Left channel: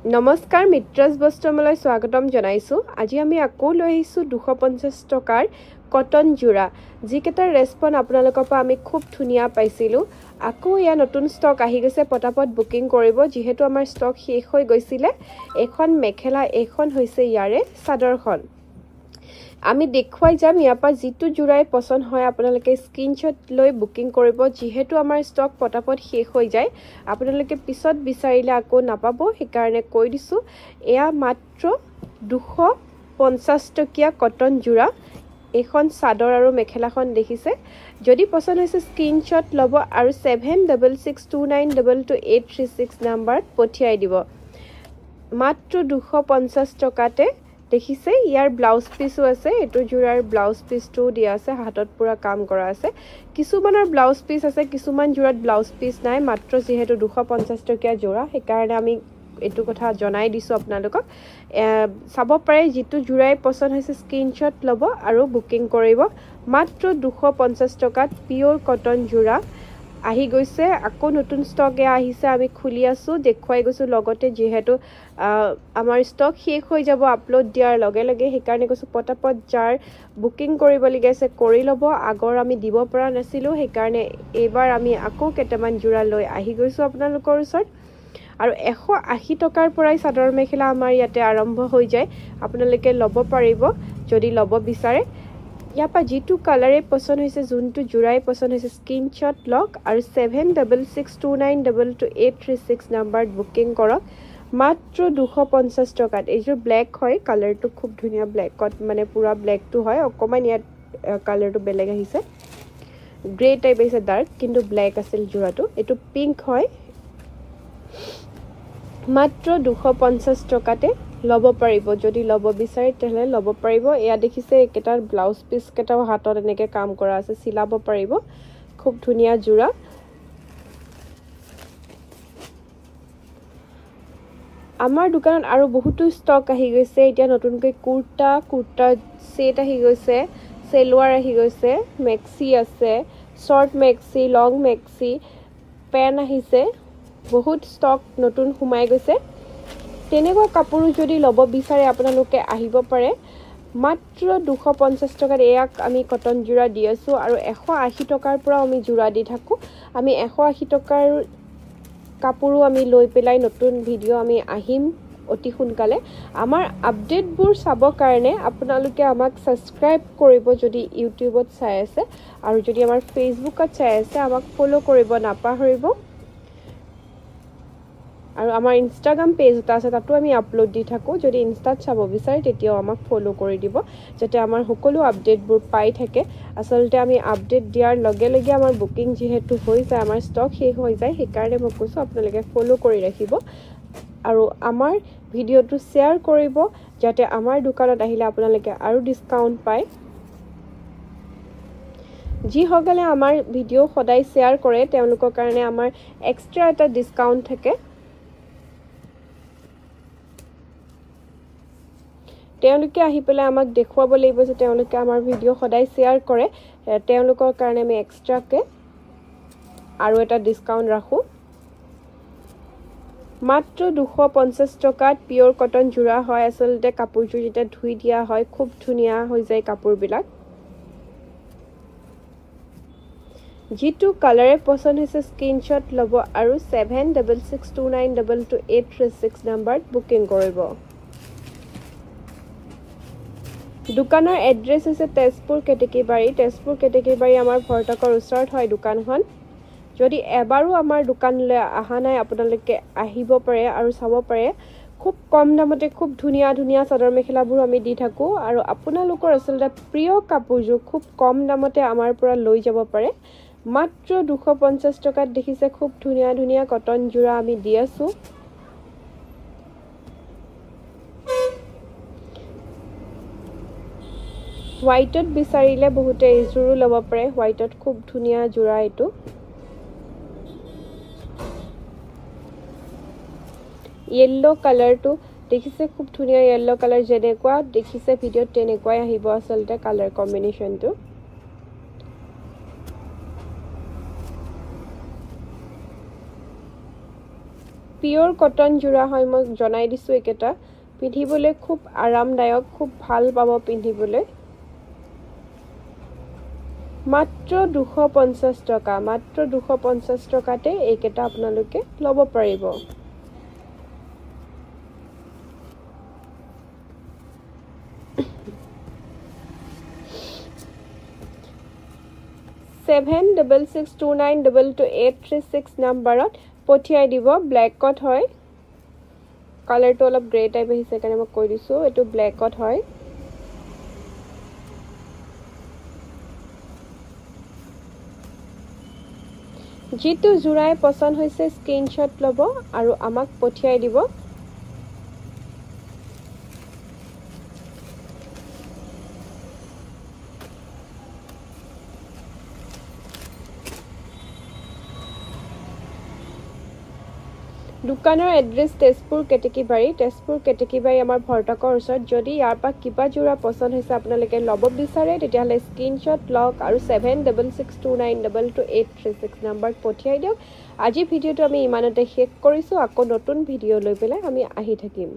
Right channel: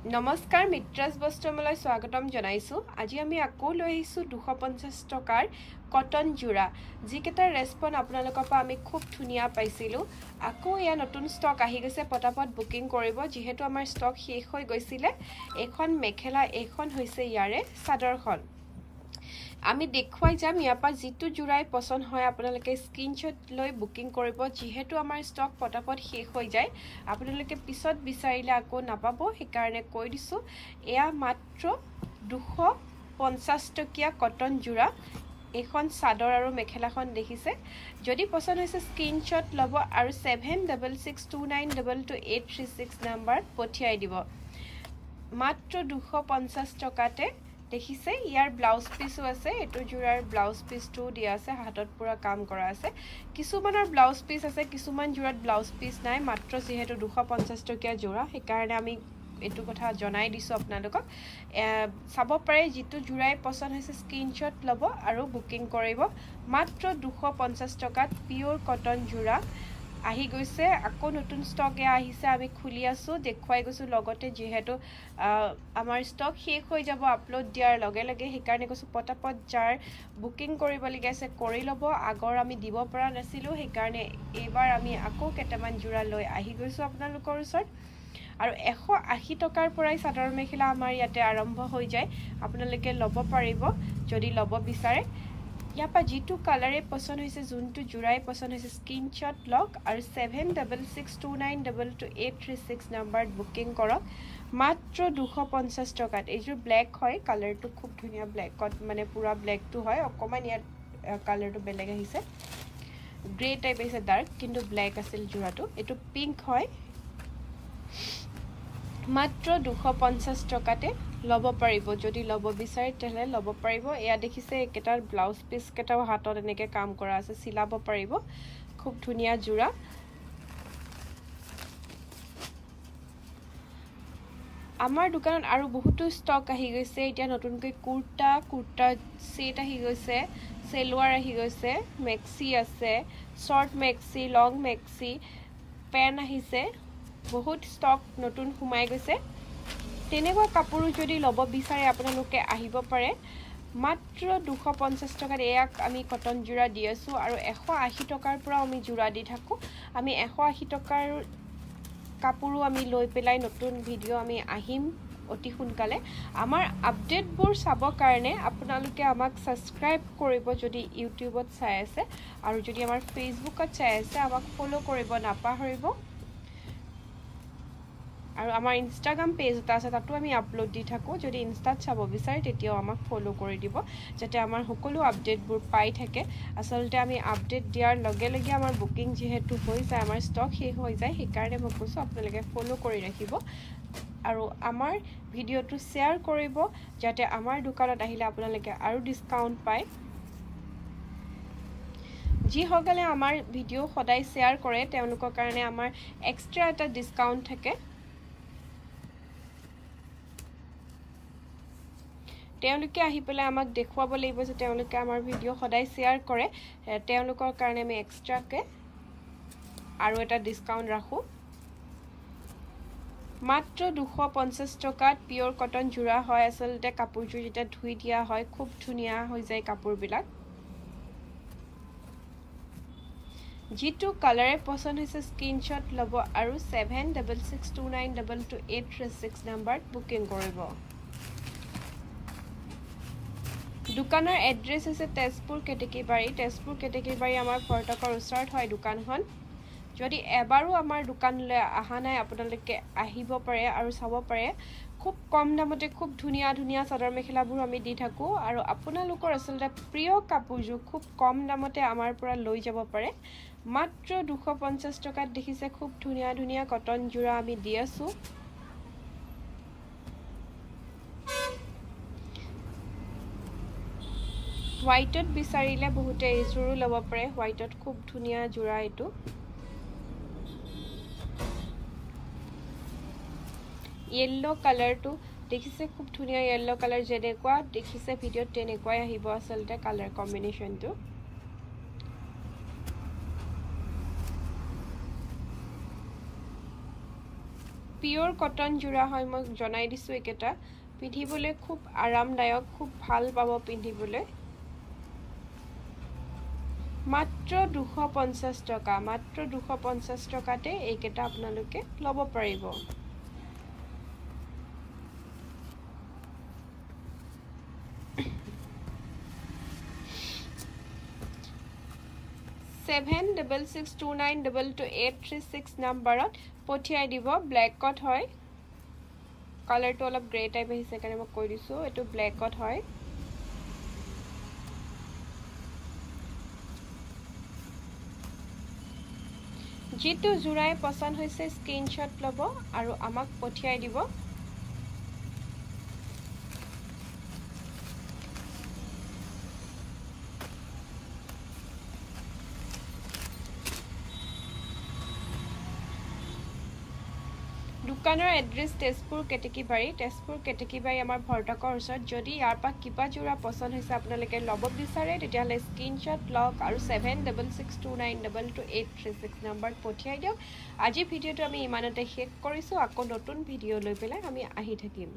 নমস্কাৰ মিত্ৰাজ বস্ত্ৰমলৈ স্বাগতম জনাইছো আজি আমি আকৌ লৈ আহিছো 250 টকাৰ কটন জোৰা যিকেটাৰ ৰেসপন্স আপোনালোকৰ পৰা আমি খুব ধুনিয়া পাইছিলো আকৌ ইয়া নতুন ষ্টক আহি গৈছে পটাপট বুকিং কৰিব যেহেতু আমাৰ ষ্টক শেষ হৈ গৈছিলে এখন মেখেলা এখন হৈছে ইয়াৰে চাদৰখন আমি দেখুৱাই যাম ইয়াৰ পৰা যিটো জোৰাই পছন্দ হয় আপোনালোকে স্ক্ৰিনশ্বট লৈ বুকিং কৰিব যেহেতু আমাৰ ষ্টক পটাপট শেষ হৈ যায় আপোনালোকে পিছত বিচাৰিলে আকৌ নাপাব সেইকাৰণে কৈ দিছো এয়া মাত্ৰ 250 টকীয়া কটন জোৰা এখন চাদৰ আৰু মেখেলাখন দেখিছে যদি পছন্দ হৈছে স্ক্ৰিনশ্বট লব আৰু 7662922836 নম্বৰত পঠিয়াই দিব মাত্ৰ 250 টকাতে দেখিছে ইয়াৰ ব্লাউজ পিসও আছে এটো জোৰাৰ ব্লাউজ পিসটো দিয়া আছে হাতত পুৰা কাম কৰা আছে কিছুমানৰ ব্লাউজ পিস আছে কিছুমান জোৰাত ব্লাউজ পিস নাই মাত্ৰ যেহেতু 250 টকীয়া জোৰা সেইকাৰণে আমি এটো কথা জনাই দিছো আপোনালোকক চাব পাৰে যেটো জোৰাই পছন্দ হৈছে স্ক্ৰিনশ্বট লব আৰু বুকিং কৰিব মাত্ৰ 250 টকাত পিওৰ কটন জোৰা আহি গৈছে আকৌ নতুন ষ্টক আহিছে আমি খুলি আছো দেখুৱাই গৈছো লগতে যেহেতু আমাৰ ষ্টক শেষ হৈ যাব আপলোড দিয়াৰ লগে লগে সেইকাৰণে কৈছো পটাপট যাৰ বুকিং কৰিব লাগিছে কৰি লব আগৰ আমি দিব পৰা নাছিলো সেইকাৰণে এবাৰ আমি আকৌ কেটামান জোৰা লৈ আহি গৈছো আপোনালোকৰ ওচৰত আৰু 180 টকাৰ পৰাই চাদৰ মেখেলা আমাৰ ইয়াতে আৰম্ভ হৈ যায় আপোনালোকে লব পাৰিব যদি লব বিচাৰে ইয়াপা যেটো কালাৰে পছন্দ হৈছে যোনটো জোৰাই পছন্দ হৈছে স্ক্ৰিনশ্বট লক আৰু 7662922836 নম্বৰত বুকিং কৰক মাত্ৰ 250 টকাত এইজোৰ ব্ল্যাক হয় কালাৰটো খুব ধুনিয়া ব্ল্যাকত মানে পুৰা ব্ল্যাকটো হয় অকমান ইয়াত কালাৰটো বেলেগ আহিছে গ্ৰে টাইপ আছে ডাৰ্ক কিন্তু ব্ল্যাক আছিল জোৰাটো এটো পিংক হয় মাত্ৰ 250 টকাতে লব পাৰিব যদি লব বিচাৰে তেলে লব পাৰিব এয়া দেখিছে একেটাৰ ব্লাউজ পিস কেটাও হাতত এনেকে কাম কৰা আছে সিলাব পাৰিব খুব ধুনিয়া জোৰা আমাৰ দোকানত আৰু বহুতো ষ্টক আহি গৈছে এতিয়া নতুনকৈ কুৰ্তা সেট আহি গৈছে সেলৱাৰ আহি গৈছে মেক্সি আছে শৰ্ট মেক্সি লং মেক্সি পেন আহিছে বহুত ষ্টক নতুন সোমাই গৈছে তেনেকুৱা কাপোৰ যদি লব বিচাৰে আপোনালোকে আহিব পাৰে মাত্ৰ 250 টকাত এয়াক আমি কটন জোৰা দি আছো আৰু 180 টকাৰ পৰা আমি জোৰা দি থাকো আমি 180 টকাৰ কাপোৰো আমি লৈ পেলাই নতুন ভিডিও আমি আহিম অতি সোনকালে আমাৰ আপডেটবোৰ চাব কাৰণে আপোনালোকে আমাক সাবস্ক্ৰাইব কৰিব যদি ইউটিউবত চাই আছে আৰু যদি আমাৰ ফেসবুকত চাই আছে আমাক ফলো কৰিব নাপাহৰিব আৰু আমাৰ ইনষ্টাগ্ৰাম পেজ এটা আছে তাতো আমি আপলোড দি থাকো যদি ইনষ্টাত চাব বিচাৰে তেতিয়াও আমাক ফলো কৰি দিব যাতে আমাৰ সকলো আপডেটবোৰ পাই থাকে আসলতে আমি আপডেট দিয়াৰ লগে লগে আমাৰ বুকিং যেহেতু হৈ যায় আমাৰ ষ্টক শেষ হৈ যায় সেইকাৰণে মই কৈছো আপোনালোকে ফলো কৰি ৰাখিব আৰু আমাৰ ভিডিওটো শেয়াৰ কৰিব যাতে আমাৰ দোকানত আহিলে আপোনালোকে আৰু ডিসকাউন্ট পায় যি হগলে আমাৰ ভিডিও সদায় শেয়াৰ কৰে তেওঁলোকৰ কাৰণে আমাৰ এক্সট্ৰা এটা ডিসকাউন্ট থাকে তেওঁলোকে আহি পেলাই আমাক দেখুৱাব লাগিব যে তেওঁলোকে আমাৰ ভিডিও সদায় শেয়াৰ কৰে তেওঁলোকৰ কাৰণে আমি এক্সট্ৰাকে আৰু এটা ডিসকাউন্ট ৰাখো মাত্ৰ 250 টকাত পিওৰ কটন জোৰা হয় আসলতে কাপোৰযোৰ যেটা ধুই দিয়া হয় খুব ধুনিয়া হৈ যায় কাপোৰবিলাক যেটো কালাৰে পছন্দ হৈছে স্ক্ৰিনশ্বট লব আৰু 7662922836 নম্বৰত বুকিং কৰিব দোকানৰ এড্ৰেছ আছে তেজপুৰ কেটেকিবাৰী আমাৰ ভৰ্তকৰ ওচৰত হয় দোকানখন যদি এবাৰো আমাৰ দোকানলৈ আহা নাই আপোনালোকে আহিব পাৰে আৰু চাব পাৰে খুব কম দামতে খুব ধুনিয়া চাদৰ মেখেলাবোৰ আমি দি থাকো আৰু আপোনালোকৰ আসলতে প্ৰিয় কাপোৰযোৰ খুব কম দামতে আমাৰ পৰা লৈ যাব পাৰে মাত্ৰ 250 টকাত দেখিছে খুব ধুনিয়া কটন জোৰা আমি দি আছো হোয়াইটত বিচাৰিলে বহুতে এইজোৰো লব পাৰে হোয়াইটত খুব ধুনিয়া জোৰা এটো येलो কালাৰটো দেখিছে খুব ধুনিয়া येलो কালাৰ যেনেকুৱা দেখিছে ভিডিওত তেনেকুৱাই আহিব আসলতে কালাৰ কম্বিনেশনটো পিওৰ কটন জোড়া হয় মই জনাই দিছো একেটা পিন্ধিবলৈ খুব আৰামদায়ক খুব ভাল পাব পিন্ধিবলৈ মাত্ৰ 250 টকা মাত্ৰ 250 টকাতে এইকেটা আপোনালোকে লব পাৰিব 7662922836 নম্বৰত পঠিয়াই দিব ব্ল্যাকত হয় কালাৰটো অলপ গ্ৰে টাইপ আহিছে কাৰণে মই কৈ দিছো এটো ব্ল্যাকত হয় যেটো জোড়াই পছন্দ হৈছে স্ক্ৰিনশ্বট লব আৰু আমাক পঠিয়াই দিব দোকানৰ এড্ৰেছ তেজপুৰ কেটেকিবাৰী আমাৰ ভৰ্তকৰ ওচৰত যদি ইয়াৰ পৰা কিবা জোড়া পছন্দ হৈছে আপোনালোকে লব বিচাৰে তেতিয়াহলে স্ক্ৰিনশ্বট লওক আৰু 7662922836 নম্বৰত পঠিয়াই দিওক আজি ভিডিওটো আমি ইমানতে শেষ কৰিছো আকৌ নতুন ভিডিও লৈ পেলাই আমি আহি থাকিম